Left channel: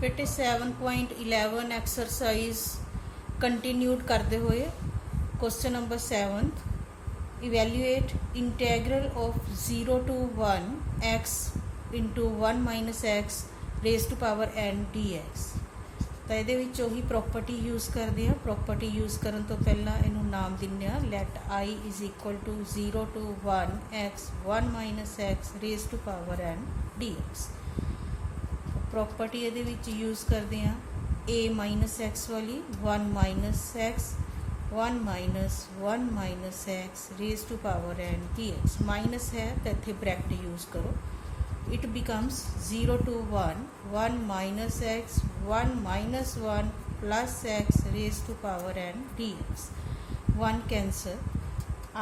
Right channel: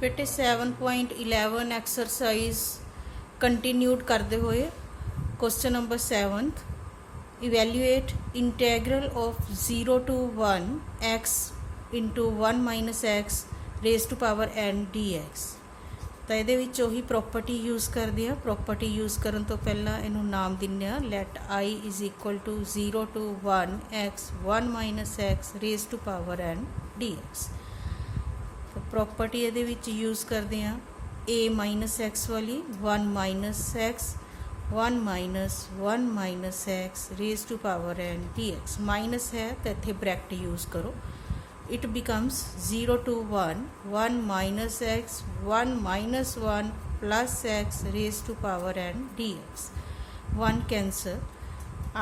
बेटे 7.11 exercise continued करते हुए question number 7 evaluate integral of 0 to 1 x into 1 minus x raise to power n dx। तो ये ही property use करते हैं। प्रॉपर्टी यूज़ करने तो पहला इनू नाम दिने let I is equal to 0 to 1 x 1 minus x raise to power n dx। Property ये यूज़ करते हैं a माइनस एक्स वाली 1 minus x 1 minus x raise to power n dx। Minus है तो इतने ब्रैकेट यूज़ करो। It becomes 0 to 1 minus x 1 plus x raise to power n dx। 1 cancel.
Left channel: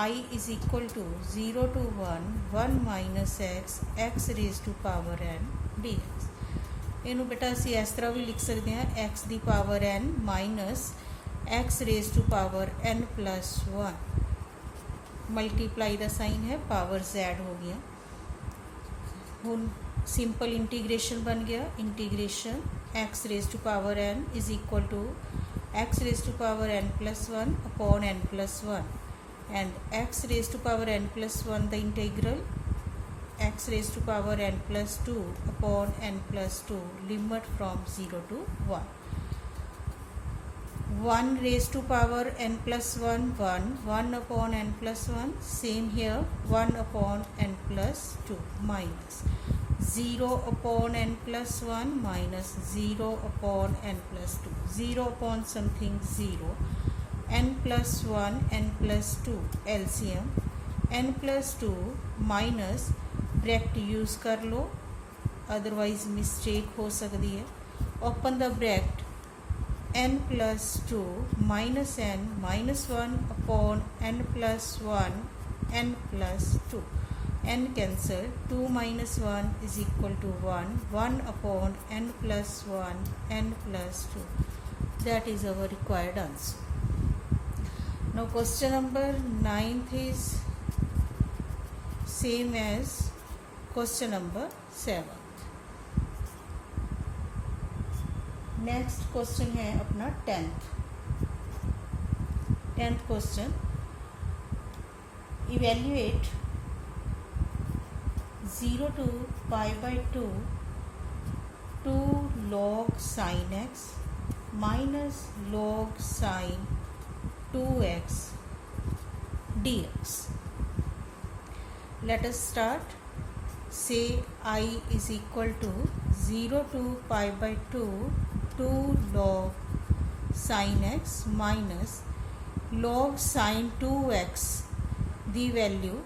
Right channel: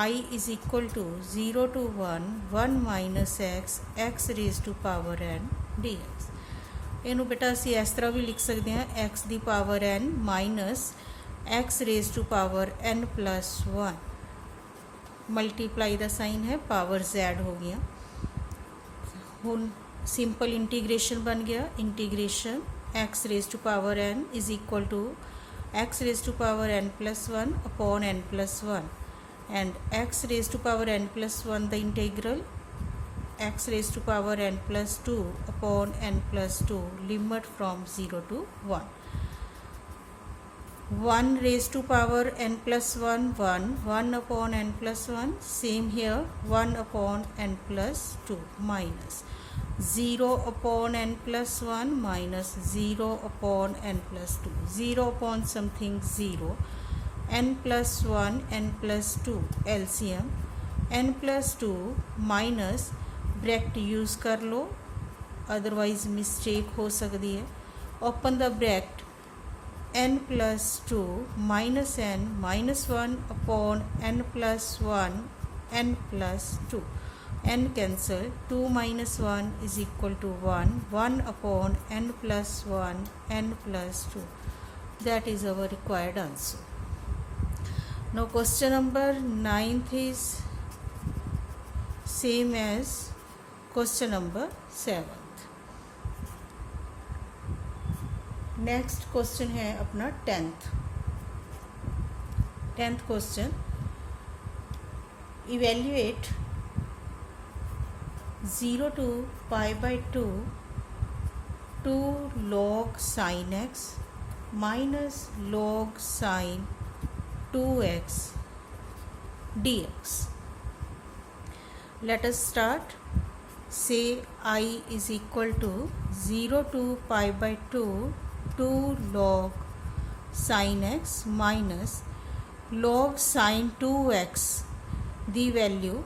I is equal to 0 to 1 minus x raise to power n dx। इनू बेटा असी इस तरह भी लिख सकते हैं एक्स की power n minus x raise to power n plus 1 multiply का साइन है पावर z हो गया। हुन सिंपल इंटीग्रेशन बन गया। Integration x raise to power n is equal to x raise to power n plus 1 upon n plus 1 and x raise to power n plus 1 the integral x raised to power n plus 2 upon n plus 2 limit from 0 to 1 raised to power n plus 1 upon n plus 1 same here 1 upon n plus 2 minus 0 upon n plus 1 minus 0 upon n plus 2 0 upon something 0 n plus 1 n plus 2 LCM n plus 2 minus bracket use कर लो otherwise mistake हो सकती है। Open the bracket n plus 2 minus n minus 1 upon n plus 1 n plus 2 n cancel 2 minus 1 is equal to 1 upon n plus 1 n plus 2 that is our required answer. Now question number 9 is same as question number 7। Next question है अपना 10th question evaluate 0 to pi by 2 log sin x minus log sin 2x dx। let us start। say I is equal to 0 to pi by 2 log sin x minus log sin 2x the value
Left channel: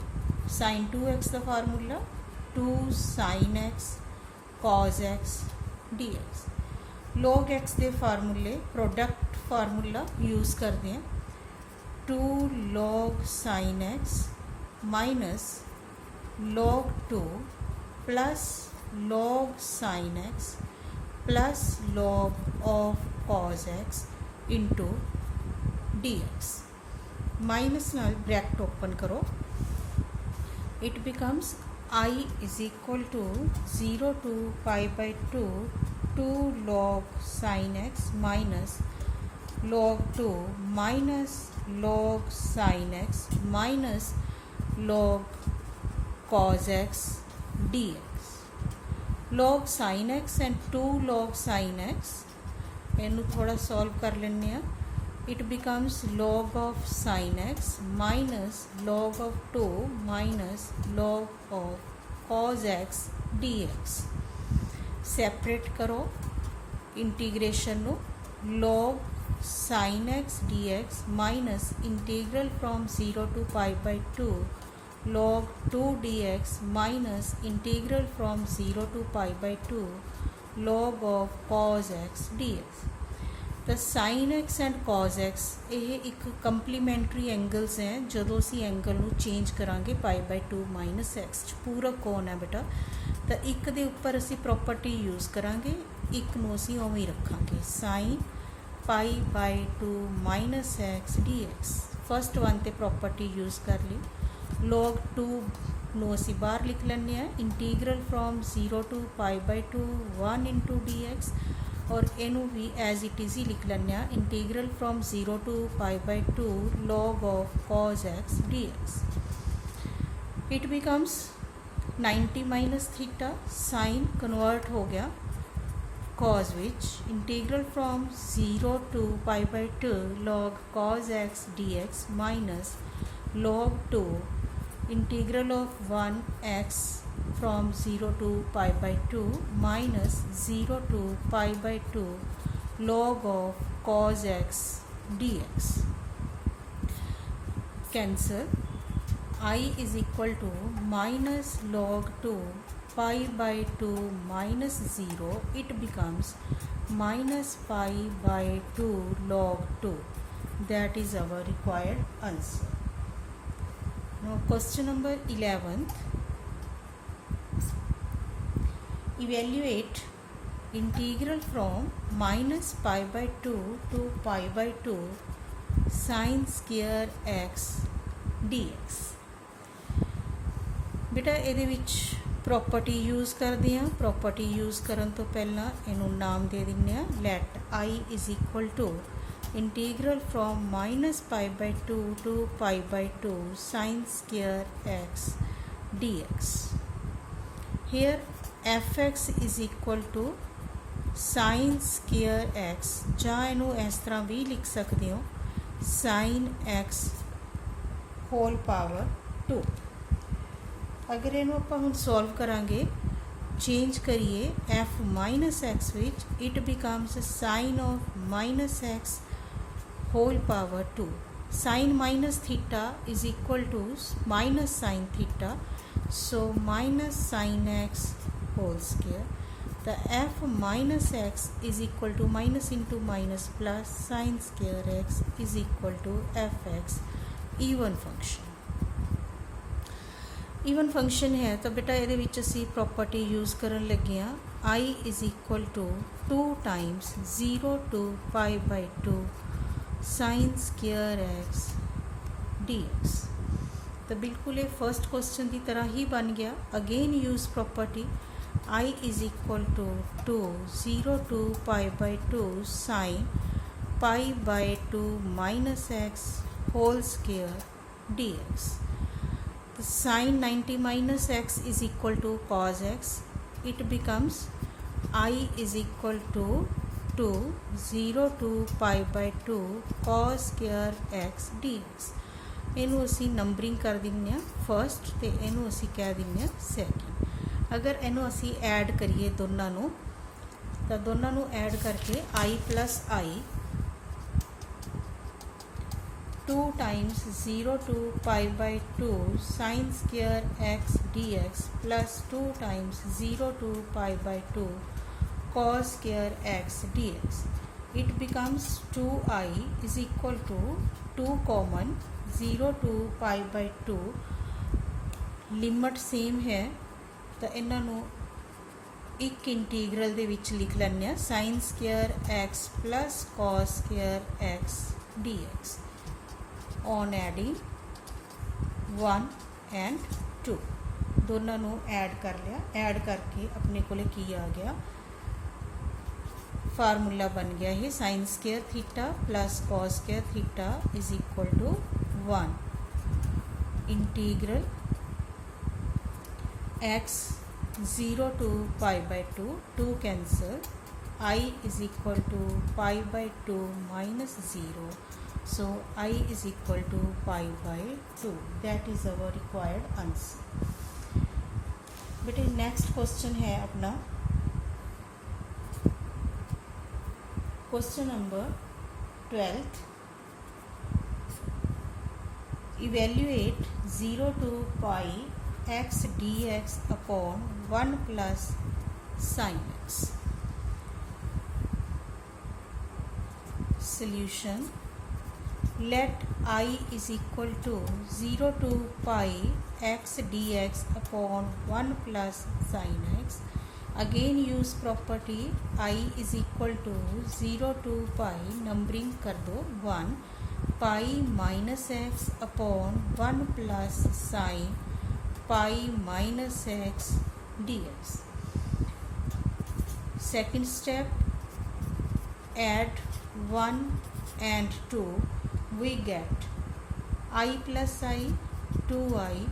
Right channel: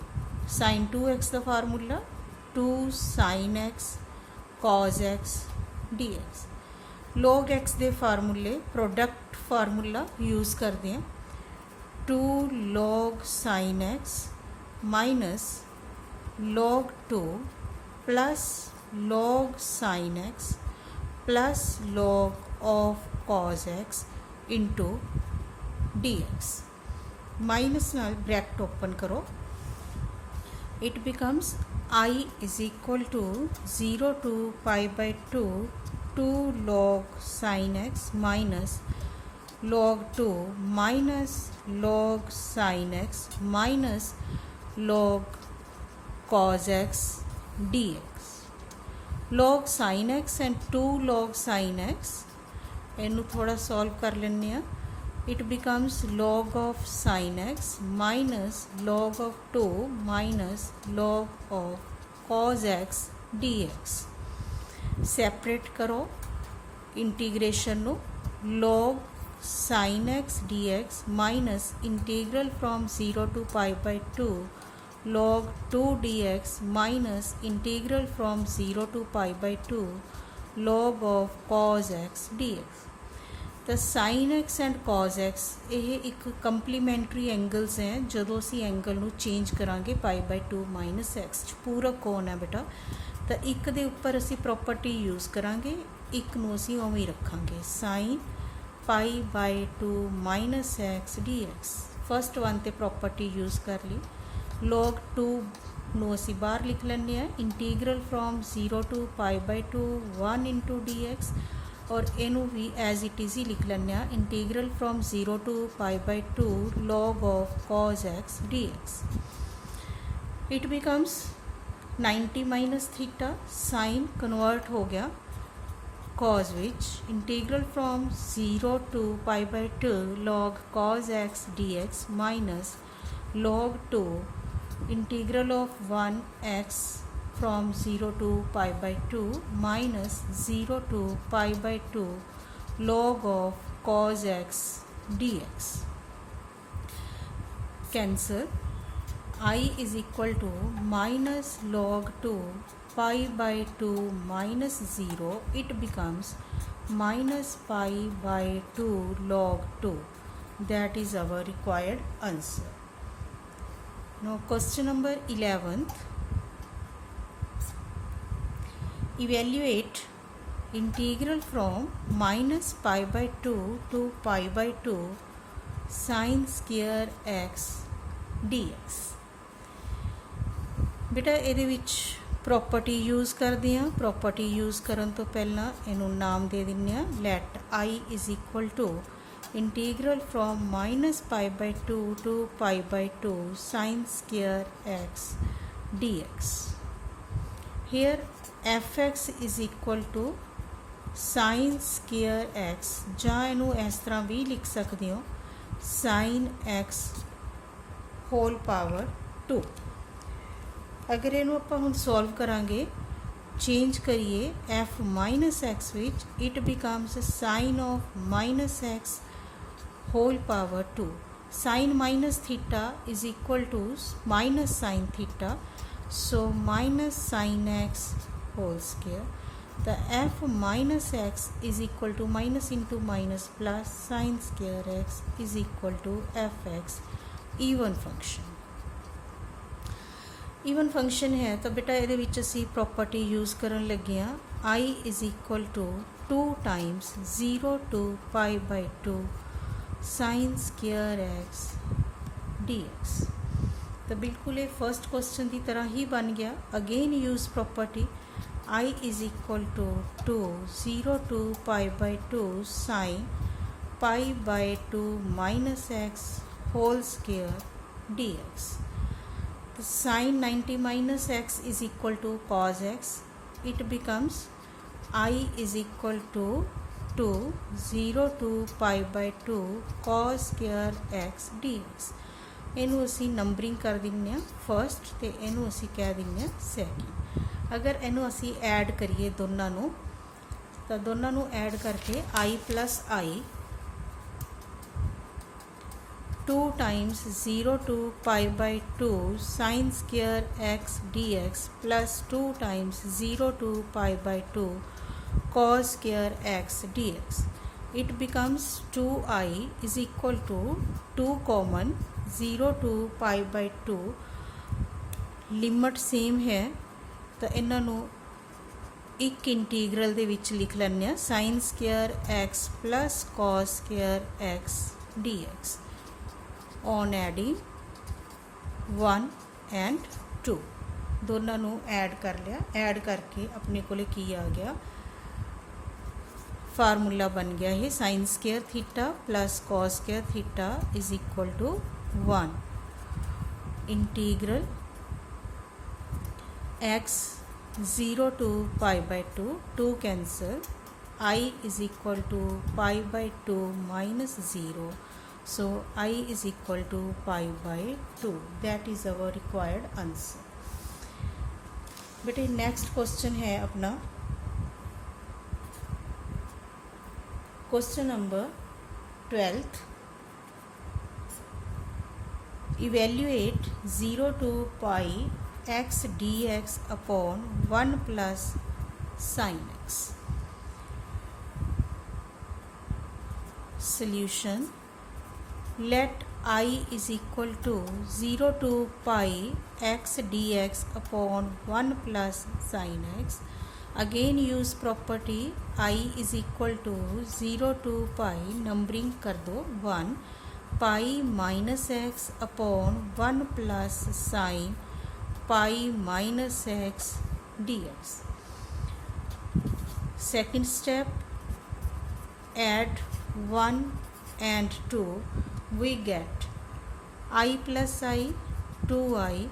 sin 2x the formula 2 sin x cos x dx। log x के फार्मूले product formula use करते हैं 2 log sin x minus log 2 plus log sin x plus log of cos x into dx। Minus नाल bracket open करो। It becomes I is equal to 0 to pi by 2 log sin x minus log 2 minus log sin x minus log cos x dx। log sin x and 2 log sin x इनू थोड़ा solve कर लें। It becomes log of sin x minus log of 2 minus log of cos x dx। Separate करो integration नो log sin x dx minus integral from 0 to pi by 2 log 2 dx minus integral from 0 to pi by 2 log of cos x dx। तो sin x and cos x ये एक complementary angles हैं। जो असी angle नू change करांगे पाई by 2 minus x पूरा कौन है बेटा तो एक दे उपर असी प्रॉपर्टी यूज़ करांगे एक नू असी उवें रखांगे sin pi by 2 minus x dx। First one ते प्रॉपर्टी यूज़ कर ली log 2 ਨੂੰ ਅਸੀਂ ਬਾਹਰ ਲਿਖ ਲੈਂਦੇ ਹਾਂ integral from 0 to pi by 2 1 into dx और इनू भी एज इट इज़ ही लिख लें integral from 0 to π/2 log of cos x dx. It becomes 90 minus theta sine convert हो गया cos which integral from 0 to π/2 log cos x dx minus log 2 integral of 1x from 0 to π/2 minus 0 to π/2 log of cos x dx. Cancel. I is equal to minus log 2 π/2 minus 0. It becomes minus π/2 log 2. That is our required answer. Now question number 11th. Evaluate integral from minus π/2 to π/2 sin square x dx. बेटा ਇਹਦੇ ਵਿੱਚ property use करते हैं. Property use करन तो पहला इनू नाम दे दिंदे आ let I is equal to integral from minus π/2 to π/2 sin square x dx. Here fx is equal to sin square x ਜਾਂ ਇਹਨੂੰ ਇਸ ਤਰ੍ਹਾਂ ਵੀ ਲਿਖ ਸਕਦੇ ਹੋ sin x whole power 2. अगर ਇਹਨੂੰ ਆਪਾਂ ਹੁਣ ਸੋਲਵ ਕਰਾਂਗੇ ਚੇਂਜ ਕਰੀਏ f minus x ਵਿੱਚ it becomes sin of minus x whole power 2. sin minus theta is equal to minus sin theta, so minus sin x whole square. The f minus x is equal to minus into minus plus sin square x is equal to fx. even function. Even function ਹੈ ਤਾਂ ਬੇਟਾ ਇਹਦੇ ਵਿੱਚ ਅਸੀਂ property use ਕਰਨ ਲੱਗੇ ਹਾਂ I is equal to 2 times 0 to π/2 sin square x dx. ਤਾਂ ਬਿਲਕੁਲ ਇਹ ਫਸਟ ਕੁਐਸਚਨ ਦੀ ਤਰ੍ਹਾਂ ਹੀ ਬਣ ਗਿਆ. Again use property I is equal to 2 0 to π/2 sin π/2 minus x whole square dx. Sin 90 minus x is equal to cos x. It becomes I is equal to 2 0 to π/2 cos square x dx. ਇਹਨੂੰ ਅਸੀਂ numbering ਕਰ ਦਿੰਦੇ ਹਾਂ first ਤੇ ਇਹਨੂੰ ਅਸੀਂ ਕਹਿ ਦਿੰਦੇ ਹਾਂ ਸੈਕਿੰਡ. ਅਗਰ ਇਹਨੂੰ ਅਸੀਂ ਐਡ ਕਰੀਏ ਦੋਨਾਂ ਨੂੰ ਤਾਂ ਦੋਨਾਂ ਨੂੰ ਐਡ ਕਰਕੇ I plus I 2 times 0 to π/2 sin square x dx plus 2 times 0 to π/2 cos square x dx. It becomes 2I is equal to 2 common 0 to π/2 limit same ਹੈ ਤਾਂ ਇਹਨਾਂ ਨੂੰ ਇੱਕ ਇੰਟੀਗਰਲ ਦੇ ਵਿੱਚ ਲਿਖ ਲੈਂਦੇ ਹਾਂ sin square x plus cos square x dx. on adding 1 and 2 ਦੋਨਾਂ ਨੂੰ ਐਡ ਕਰ ਲਿਆ. ਐਡ ਕਰਕੇ ਆਪਣੇ ਕੋਲੇ ਕੀ ਆ ਗਿਆ ਫਾਰਮੂਲਾ ਬਣ ਗਿਆ ਇਹ sin square theta plus cos square theta is equal to 1 integral x 0 to π/2 2 cancel I is equal to π/2 minus 0. So I is equal to π/2. That is our required answer. बेटे next question है अपना question number 12th. Evaluate 0 to pi x dx upon 1 plus sin x. Solution. Let I is equal to 0 to pi x dx upon 1 plus sin x. Again use property I is equal to 0 to pi numbering कर दो 1 pi minus x upon 1 plus sin pi minus x dx. Second step add 1 and 2, we get I plus I 2I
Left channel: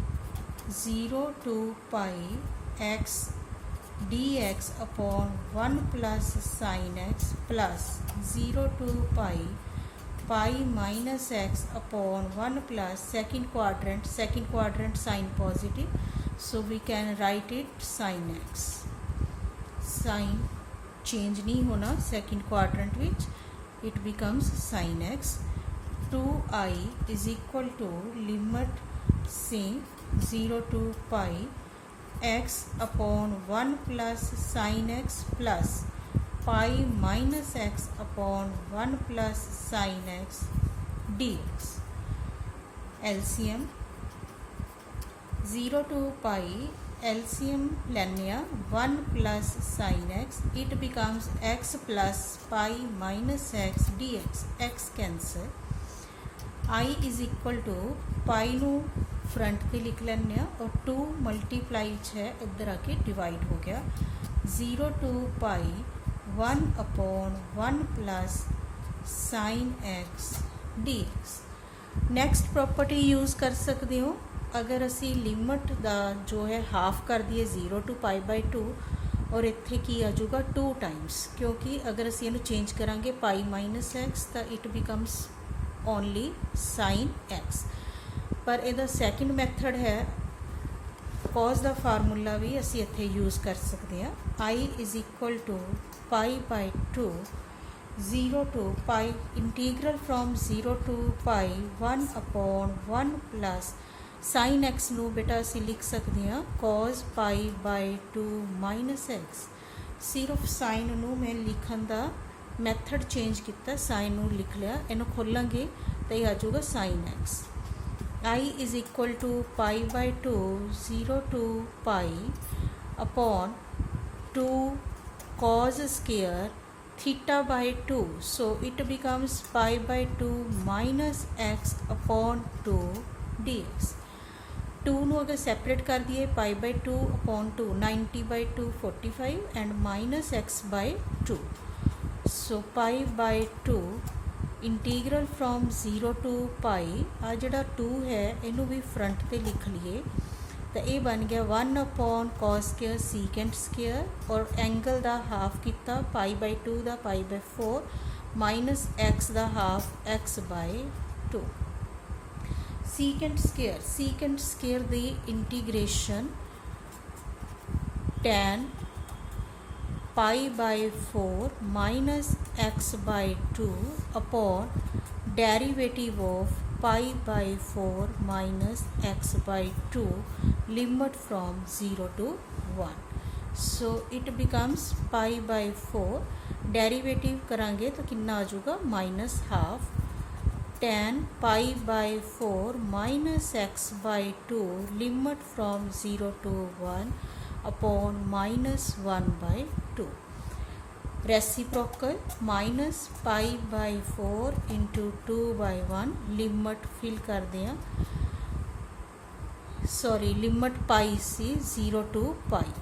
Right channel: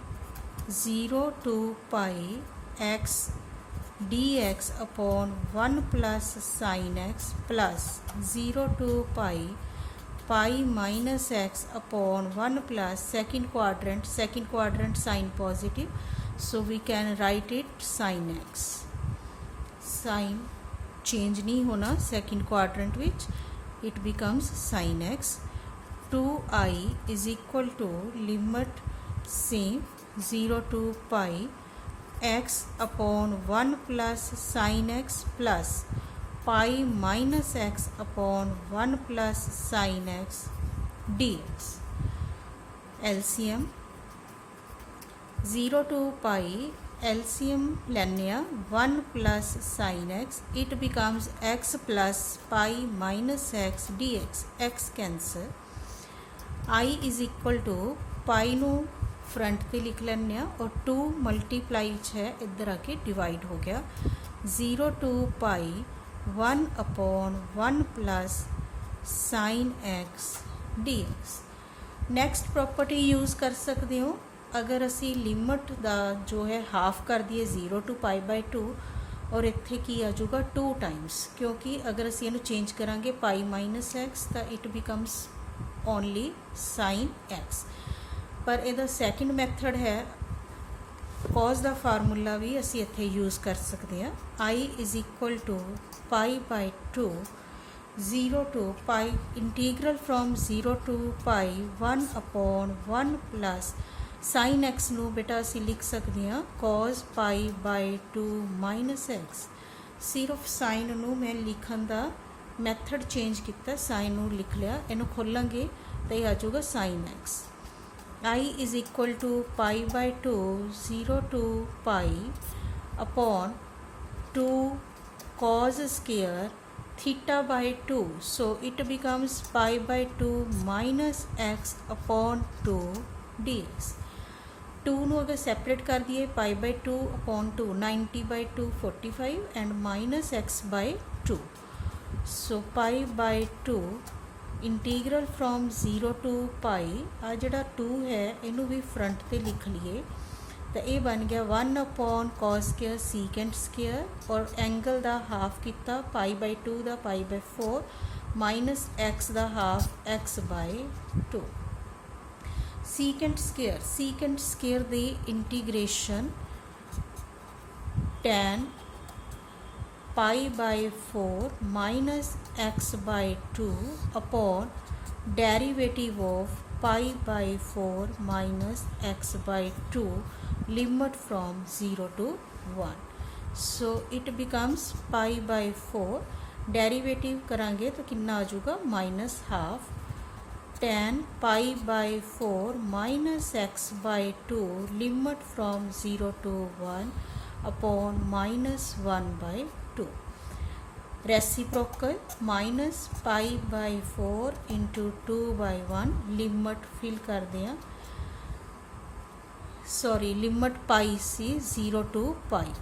0 to pi x dx upon 1 plus sin x plus 0 to pi minus x upon 1 plus second quadrant sign positive, so we can write it sin x. Sign change नहीं होना second quadrant which it becomes sin x. 2i is equal to limit से 0 to pi x upon 1 plus sin x plus pi minus x upon 1 plus sin x dx. LCM 0 to pi LCM ਲੈਂਦੇ ਆ 1 plus sin x, it becomes x plus pi minus x dx. x cancel. I is equal to pi ਨੂੰ front पे लिख ਲੈਂਦੇ ਆ और 2 multiply है इधर आके डिवाइड हो गया 0 to pi 1 upon 1 plus sin x dx. Next property use कर सकते हो अगर असी लिमिट का जो है हाफ कर दिए 0 to pi by 2 और इत्थे की आ जाऊगा 2 टाइम्स, क्योंकि अगर असी इहनूं चेंज करांगे पाई माइनस एक्स तो it becomes only sine x. पर इहदा सैकेंड मैथड है कॉज का फार्मूला भी असी इत्थे यूज़ कर सकते हैं। I is equal to pi by 2 0 to pi integral from 0 to pi 1 upon 1 plus sine x नूं बेटा असी लिख सकते हैं cos pi by 2 minus x. सिर्फ साइन नूं मैं लिखण का मैथड चेंज किया, साइन नूं लिख लिया, इनू खोलांगे तो यह आ जाऊगा sine x. I is equal to pi by 2 0 to pi upon 2 cos square theta by 2, so it becomes pi by 2 minus x upon 2 dx. 2 ਨੂੰ अगर सेपरेट कर दिए pi by 2 upon 2 90 by 2 45 and minus x by 2, so pi by 2 integral from 0 to पाई आ जड़ा 2 है इनू भी front पे लिख लिए तो ये बन गया 1 upon cos square secant square और एंगल का हाफ किया पाई बाय 2 का पाई बाय 4 माइनस एक्स का half x by 2। Secant square the integration tan pi by 4 minus x by 2 upon derivative of pi by 4 minus x by 2 limit from 0 to 1, so it becomes pi by 4 derivative करांगे तो कितना आ जाऊगा minus half tan pi by 4 minus x by 2 limit from 0 to 1 upon minus 1 by 2। Reciprocal minus pi by 4 into 2 by 1 limit fill कर दें, sorry limit pi सी 0 to pi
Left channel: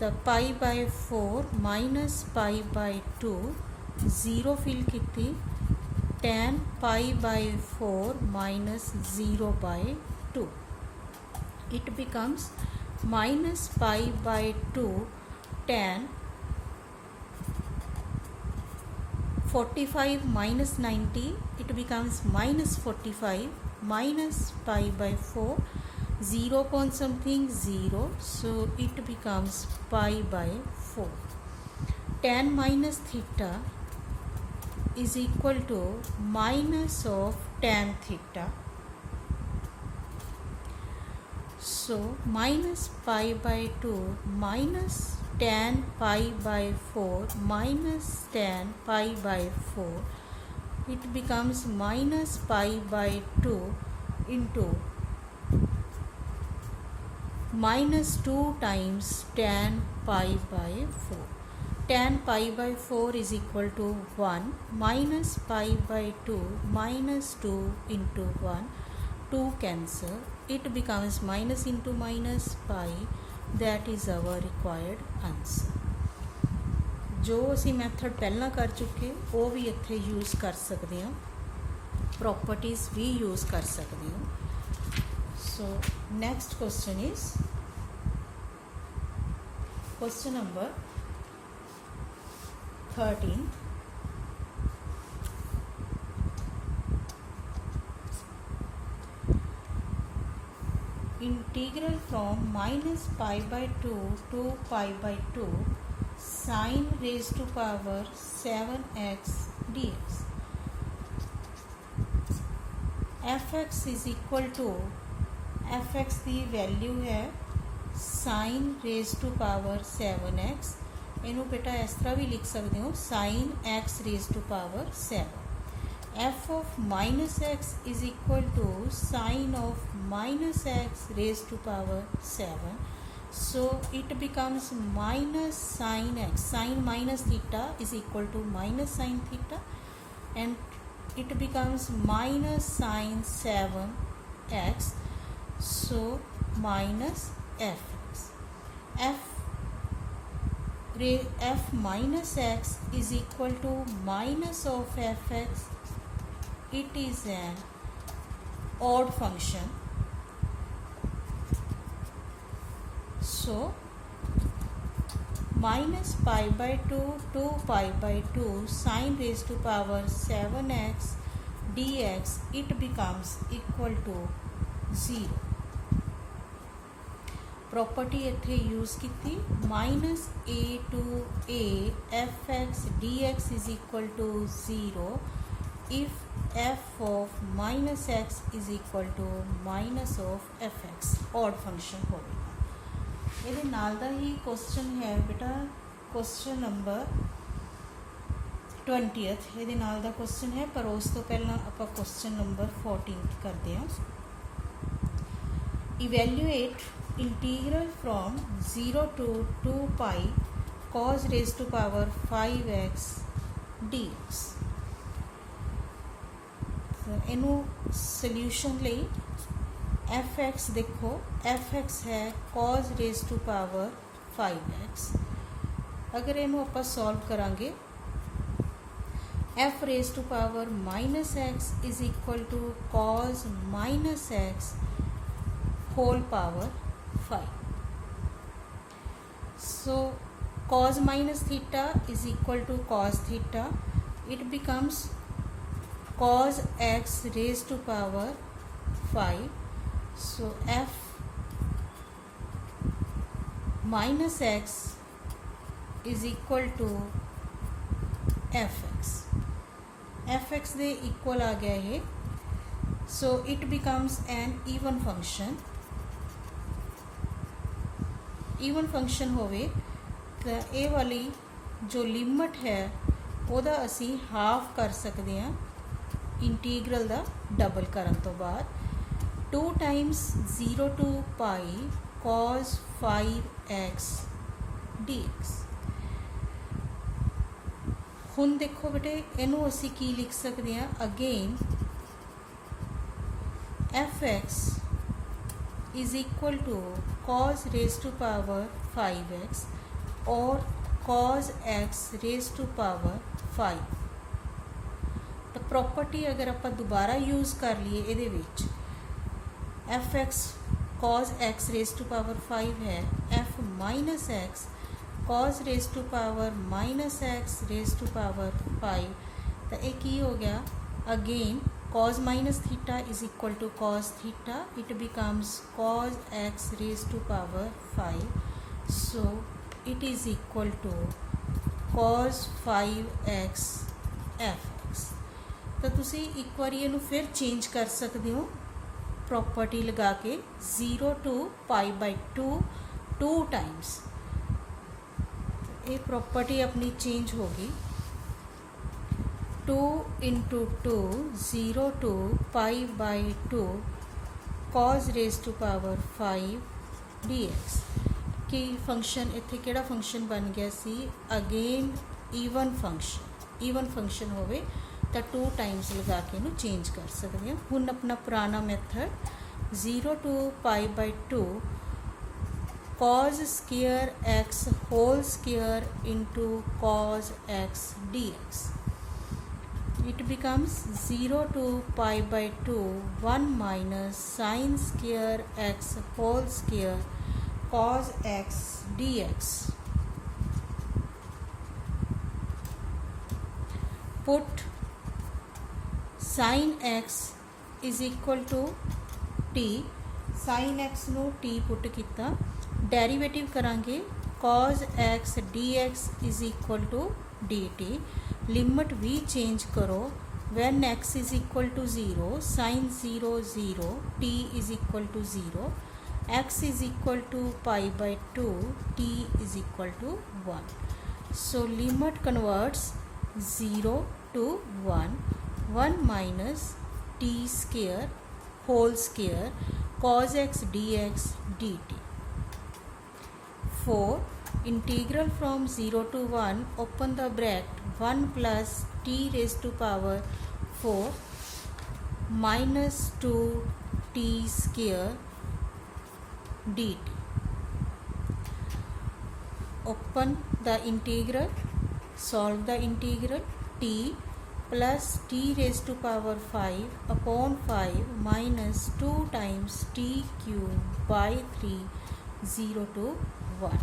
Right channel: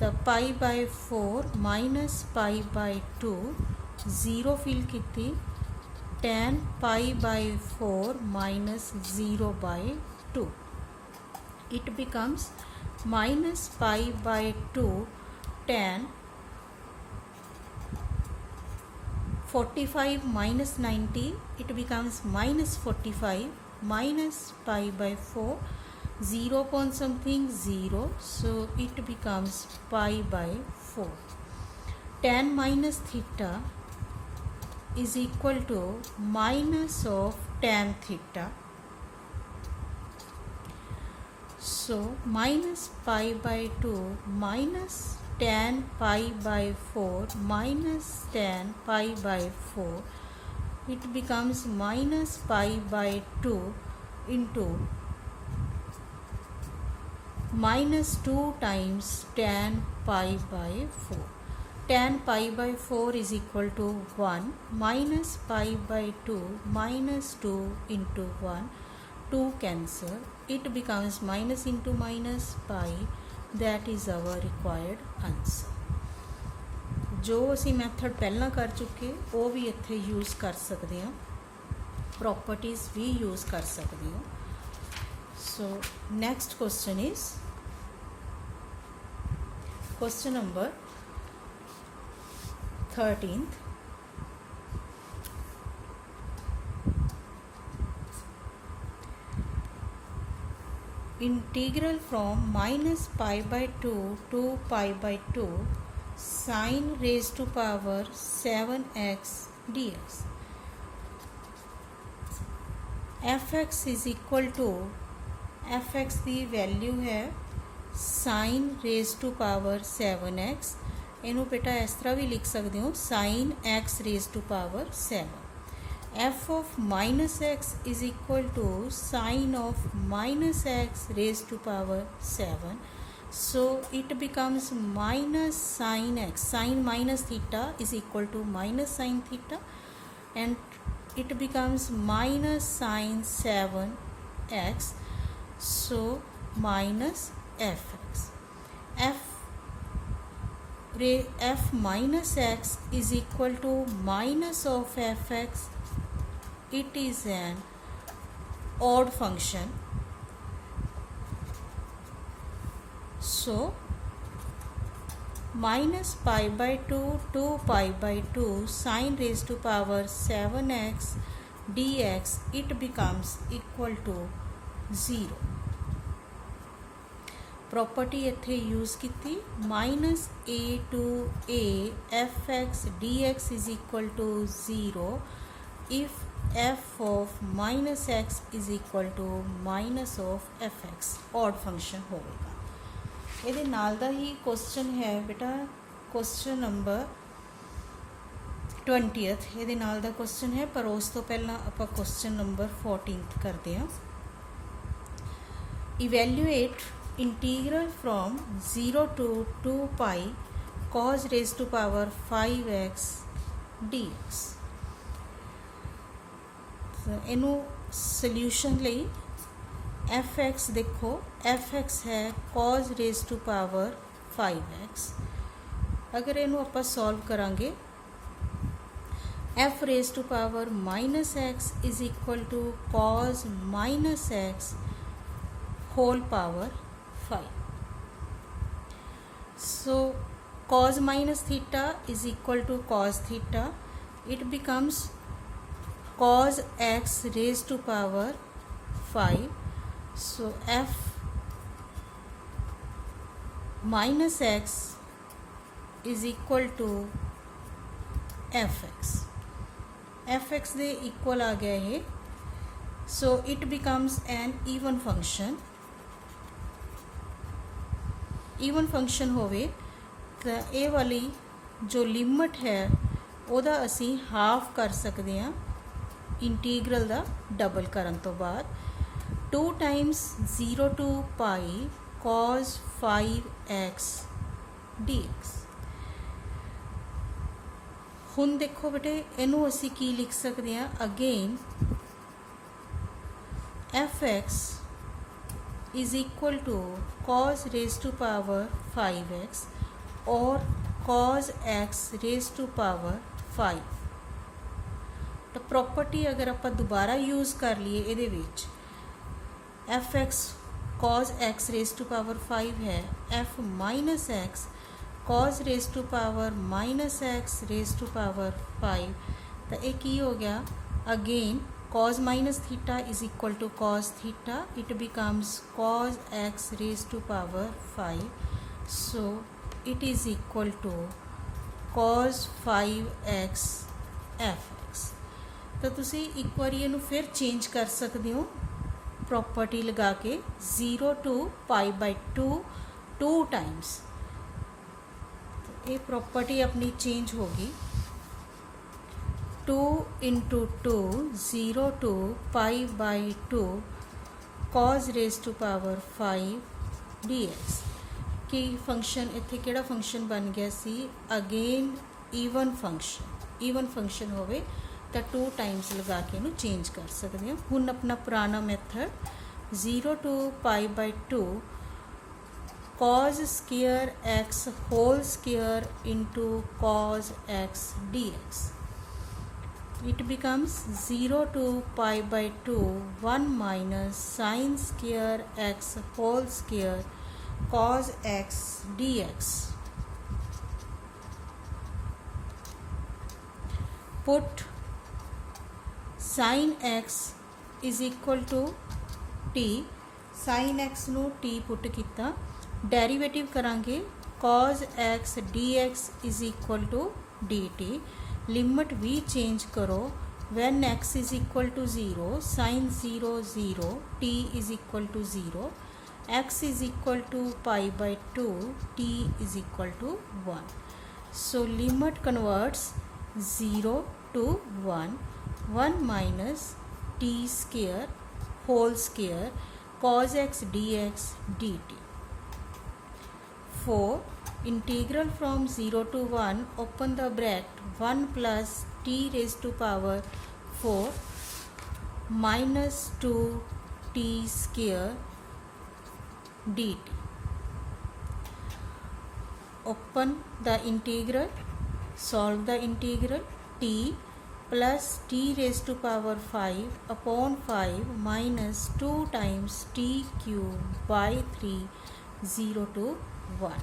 तो pi by 4 minus pi by 2 0 fill की tan pi by 4 minus 0 by 2, it becomes minus pi by 2 tan 45 minus 90, it becomes minus 45 minus pi by 4 0 upon something 0, so it becomes pi by 4। tan minus theta is equal to minus of tan theta, so minus pi by 2 minus tan pi by 4 minus tan pi by 4, it becomes minus pi by 2 into minus 2 times tan pi by 4. Tan pi by 4 is equal to 1 minus pi by 2 minus 2 into 1, 2 cancel, it becomes minus into minus pi, that is our required answer। जो असी method पहला कर चुके वो भी इत्थे use कर सकते हैं, प्रॉपर्टीज़ भी यूज़ कर सकते हो। So next question is question number 13। Integral from minus pi by 2 to pi by 2 sine raise to power 7x dx। F x is equal to F x की वैल्यू है sine raise to power 7x। इनू बेटा इस तरह भी लिख सकते हो sine x raise to power 7। F of minus x is equal to sine of minus x raise to power 7। So it becomes minus sine x, sine minus theta is equal to minus sine theta and it becomes minus sine 7x, so minus fx। f minus x is equal to minus of fx। it is an odd function, so minus pi by 2 to pi by 2 sine raised to power 7x dx it becomes equal to 0। Property इत्थे use की minus a to a fx dx is equal to 0 if f of minus x is equal to minus of fx odd function होगा। ਇਹਦੇ ਨਾਲ ਦਾ ਹੀ question है बेटा question number 20th। ਇਹਦੇ ਨਾਲ ਦਾ question है पर उस तो पहला ਆਪਾਂ क्वेश्चन नंबर 14th करते हैं। Evaluate integral from 0 to 2 pi cos raised to power 5x dx। ਇਹਨੂੰ सॉल्यूशन ਲਈ एफ एक्स देखो एफ एक्स है cos raise to power 5x। अगर इनू आप सॉल्व करांगे F raise to power minus x is equal to cos minus x whole power 5। So cos minus theta is equal to cos theta, it becomes cos x raise to power 5। So f minus x is equal to fx। fx they equal आ गया है, so it becomes an even function। even function होवे तो ये वाली जो limit है ਉਹਦਾ ਅਸੀਂ हाफ कर सकते हैं इंटीग्रल ਦਾ डबल करन तो बाद 2 times 0 to pi cos 5x dx। ਹੁਣ देखो बेटे ਇਹਨੂੰ ਅਸੀਂ ਕੀ ਲਿਖ ਸਕਦੇ ਹਾਂ again fx is equal to cos raised to power 5x और cos x raised to power 5। तो प्रॉपर्टी अगर आप दोबारा यूज़ कर लिए ਇਹਦੇ ਵਿੱਚ F x cos x raise to power 5 है f minus x cos raise to power minus x raise to power 5। तो ये की हो गया again cos minus theta is equal to cos theta, it becomes cos x raise to power 5। So it is equal to cos 5x fx। तो तुसी एक बार इनू फिर चेंज कर सकते हो प्रॉपर्टी लगा के 0 to पाई बाई 2 2 टाइम्स। ये प्रॉपर्टी अपनी चेंज होगी 2 into 2 0 to pi by 2 cos raise to power 5 dx। कि फंक्शन इत्थे केड़ा फंक्शन बन गया सी अगेन ईवन फंक्शन होवे तो 2 टाइम्स लगा के इनू चेंज कर सकते हैं। हुण अपना पुराना method 0 to pi by 2 cos square x whole square into cos x dx. It becomes 0 to pi by 2 1 minus sin square x whole square cos x dx. Put sin x is equal to t. sin x ਨੂੰ t put किया, derivative करांगे cos x dx is equal to dt. Limit भी change करो, when x is equal to 0 sin 0 0 t is equal to 0, x is equal to pi by 2 t is equal to 1. So limit converts 0 to 1, 1 minus t square whole square cos x dx dt. 4 integral from 0 to 1 open the bracket 1 plus t raised to power 4 minus 2 t square dt. Open the integral, solve the integral. T plus t raised to power 5 upon 5 minus 2 times t cube by 3 0 to 1.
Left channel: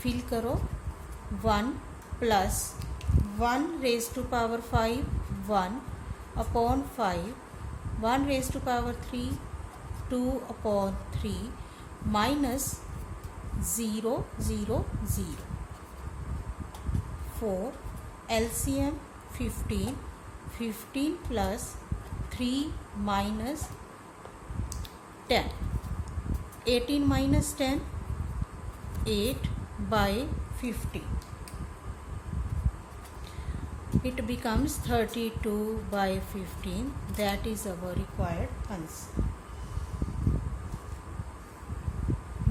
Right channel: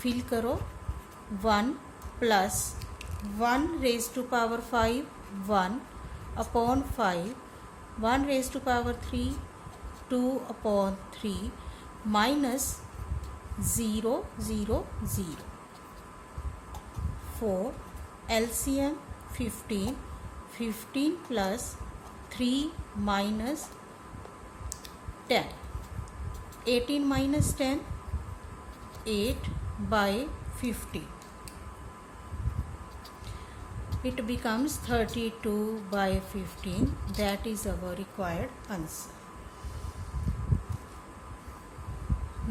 Fill करो 1 plus 1 raised to power 5 1 upon 5 1 raised to power 3 2 upon 3 minus 0 0 0. 4 LCM 15 15 plus 3 minus 10 18 minus 10 8 by 50. It becomes 32 by 15. That is our required answer.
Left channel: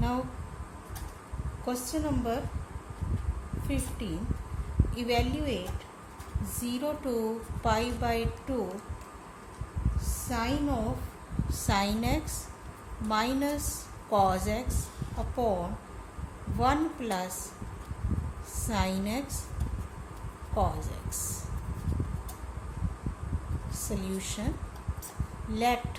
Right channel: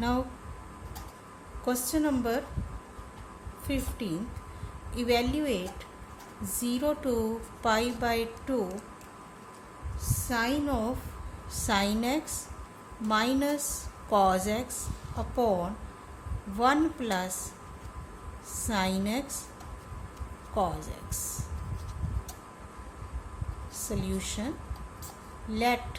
Now question number 15. Evaluate 0 to pi by 2 sin of sin x minus cos x upon 1 plus sin x cos x. Solution. Let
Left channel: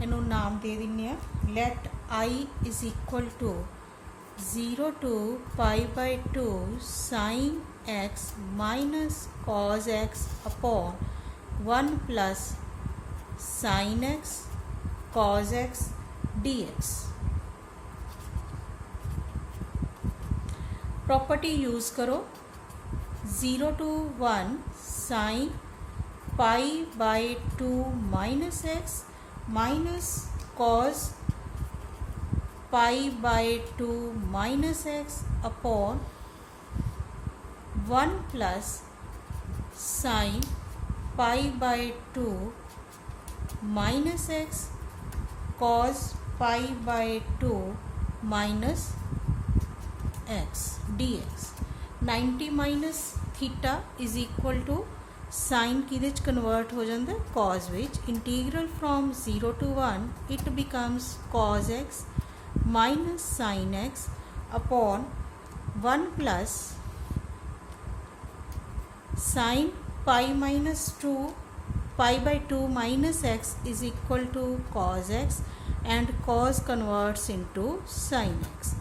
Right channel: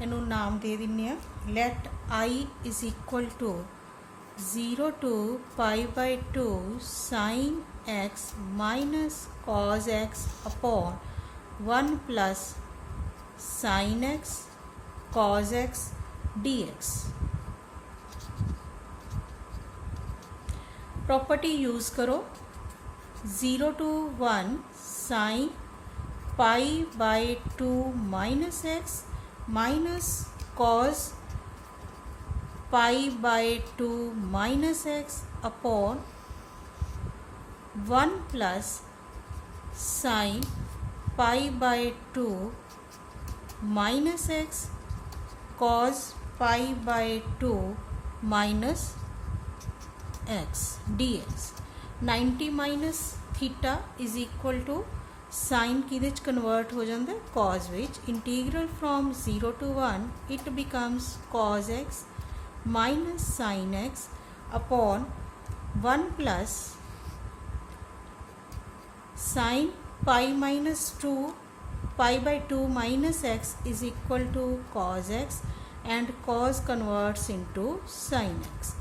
ਇਹਨੂੰ ਨਾਮ ਦੇ ਦਿੰਨੇ ਆ. Let I is equal to 0 to pi by 2 sin x minus cos x upon 1 plus sin x cos x dx. Property use करो. 0 to 1 sin pi by 2 minus x minus cos pi by 2 minus x upon 1 plus sin pi by 2 minus x cos pi by 2 minus x dx. 90 minus theta is equal to sine किहदे च convert हो जाता है cos which. Integral from 0 to 1 it becomes cos x minus sine x upon 1 plus sine pi minus 2 pi by 2 minus x is equal to cos x and cos converts into sine x.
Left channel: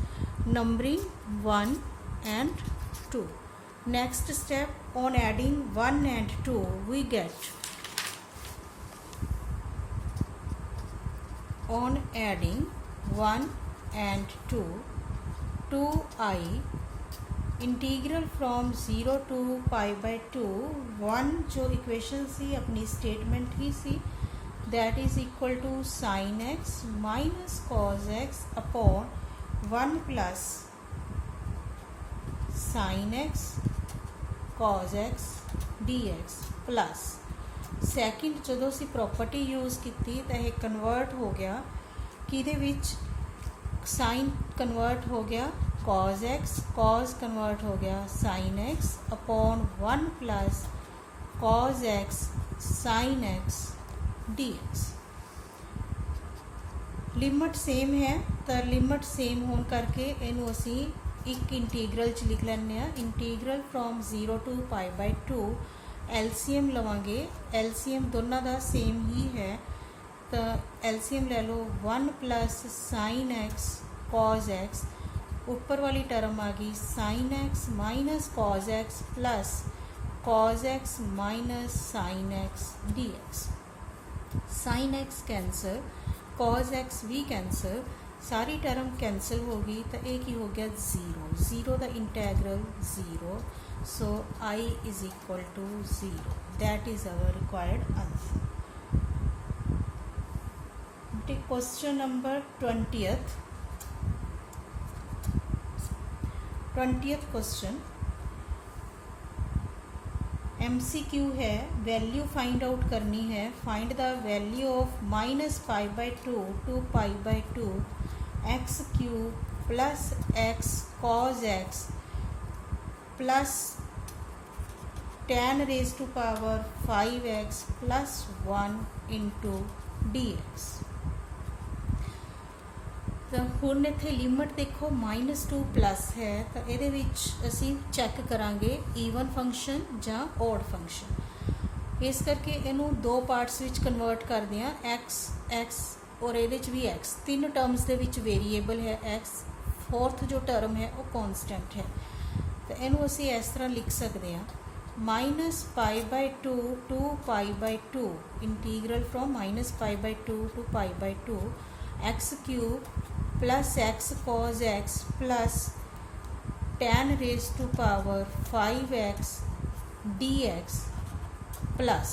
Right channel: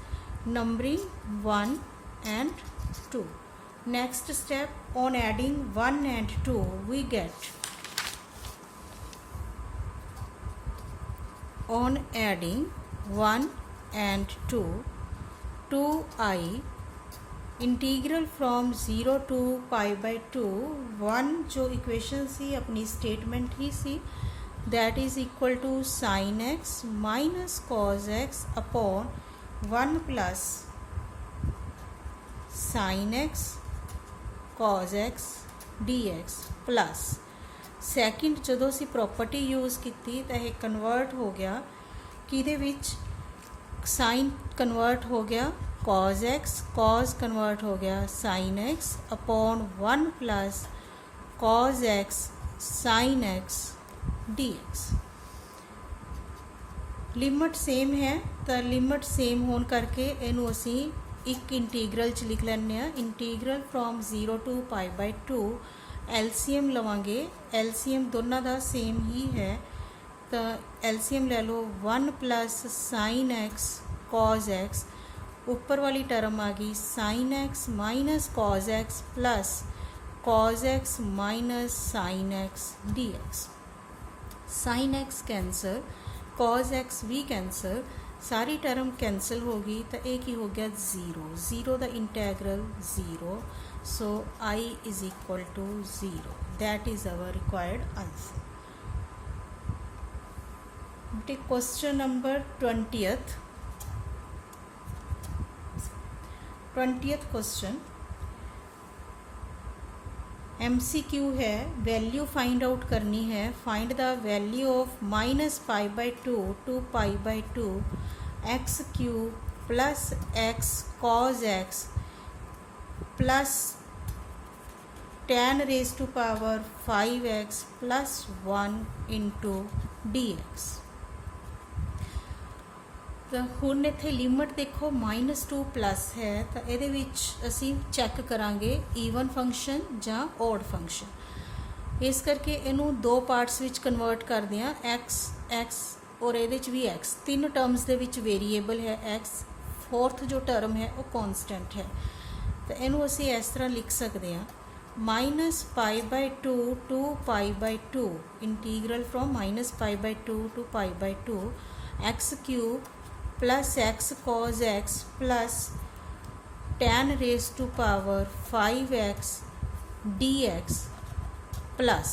Numbering 1 and 2. Next step, on adding 1 and 2 we get, on adding 1 and 2 2i integral from 0 to pi by 2 1 जो equation सी अपनी statement ही सी, that is equal to sine x minus cos x upon 1 plus sine x cos x dx plus second जो असी property use की तो यह कन्वर्ट हो गया कि साइन कन्वर्ट हो गया cos x, cos कन्वर्ट हो गया sin x upon 1 plus cos x sin x dx. Limit same है तो लिमिट सेम होने करके इनू असी एक इंटीग्रल च लिख लैंने आ। Integral from 0 to pi by 2 LCM लवांगे। एलसीएम दोनों का सेम ही है तो एलसीएम ले लो 1 plus sine x cos x, ऊपर वाली टर्म आ गई sine x minus cos x plus cos x minus sine x D x. Sine x cancel, cos x भी कैंसल, सारी टर्म कैंसल हो गई तो एक ही हो गया zero. Zero the integral zero, so I is equal to zero. That is our required answer. Take question number 20th question MCQ है, वैल्यू फाइंड आउट करनी है। Find the value of minus pi by two to pi by two x cube plus x cos x plus 10 raise to power 5x plus 1 into dx। तो हुण इत्थे limit देखो -2 plus है तो ये असी चैक करांगे ईवन फंक्शन जां ऑड फंक्शन। इस करके इनू दो पार्ट्स विच कन्वर्ट करते हैं, एक्स और ये भी एक्स। तीन टर्म्स दे विच वेरीएबल है एक्स, फोर्थ जो टर्म है वो कॉन्सटेंट है। तो इनू असी इस तरह लिख सकते हैं minus pi by two to pi by two integral from minus pi by two to pi by two x cube plus x cos x plus 10 raise to power 5x dx plus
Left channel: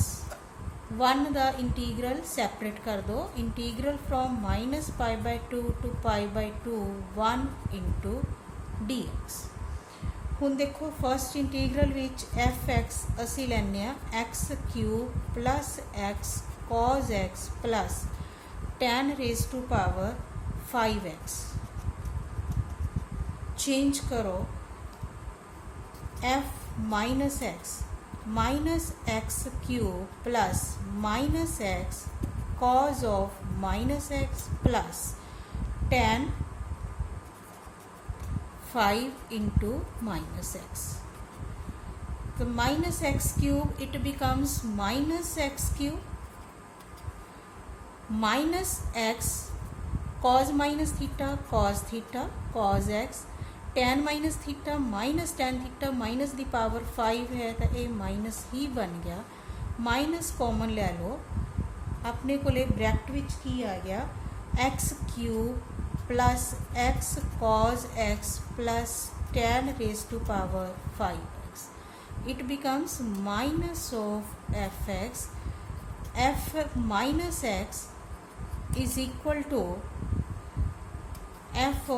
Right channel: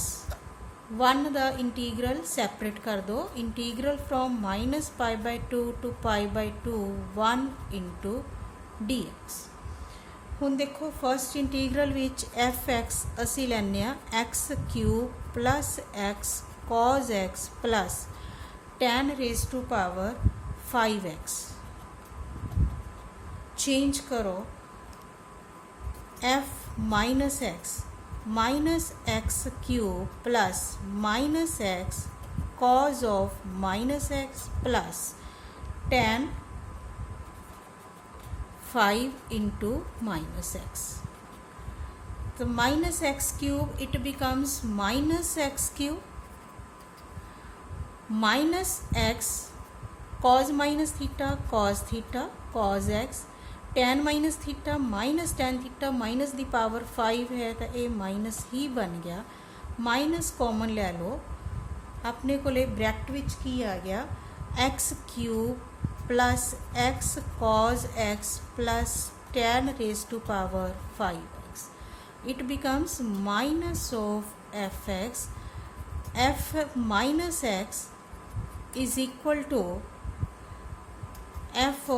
1 the integral separate कर दो। Integral from minus pi by two to pi by two 1 into dx। हुण देखो first integral which fx असी लैने x cube plus x cos x plus 10 raise to power 5x। Change करो f minus x cube plus minus x cos of minus x plus 10 5 into minus x. तो minus x cube it becomes minus x cube minus x cos minus theta cos x 10 minus theta minus ten theta minus the power 5 है तो ये minus ही बन गया। Minus common ले लो, अपने को bracket विच की आ गया x cube plus x cos x plus 10 raise to power 5x। It becomes minus of f minus x is equal to f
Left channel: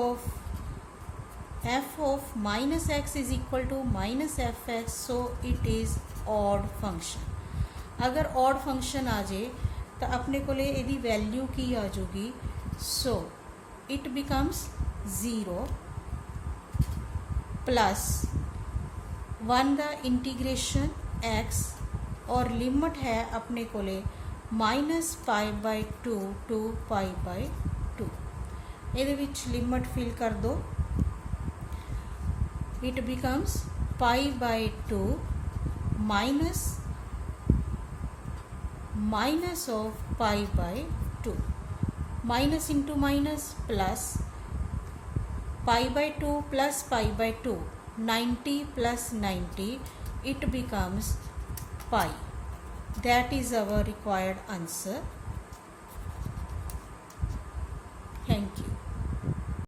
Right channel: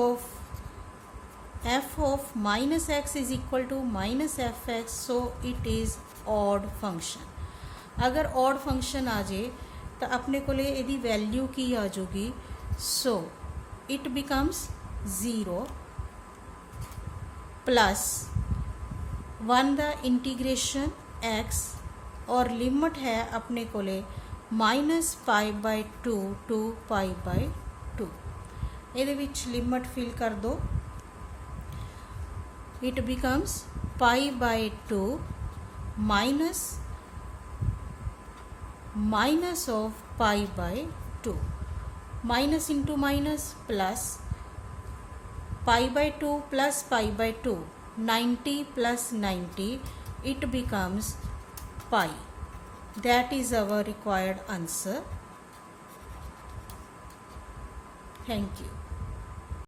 of minus x is equal to minus fx, so it is odd function। अगर odd function आ जाए तो अपने को यदि value की आ जाएगी, so it becomes 0 plus 1 the integration x और limit है अपने को minus pi by two to pi by two. ये लिमिट फिल कर दो, it becomes pi by two minus of pi by two, minus into minus plus pi by two plus pi by two 90 plus 90 it becomes pi. That is our required answer. Thank you.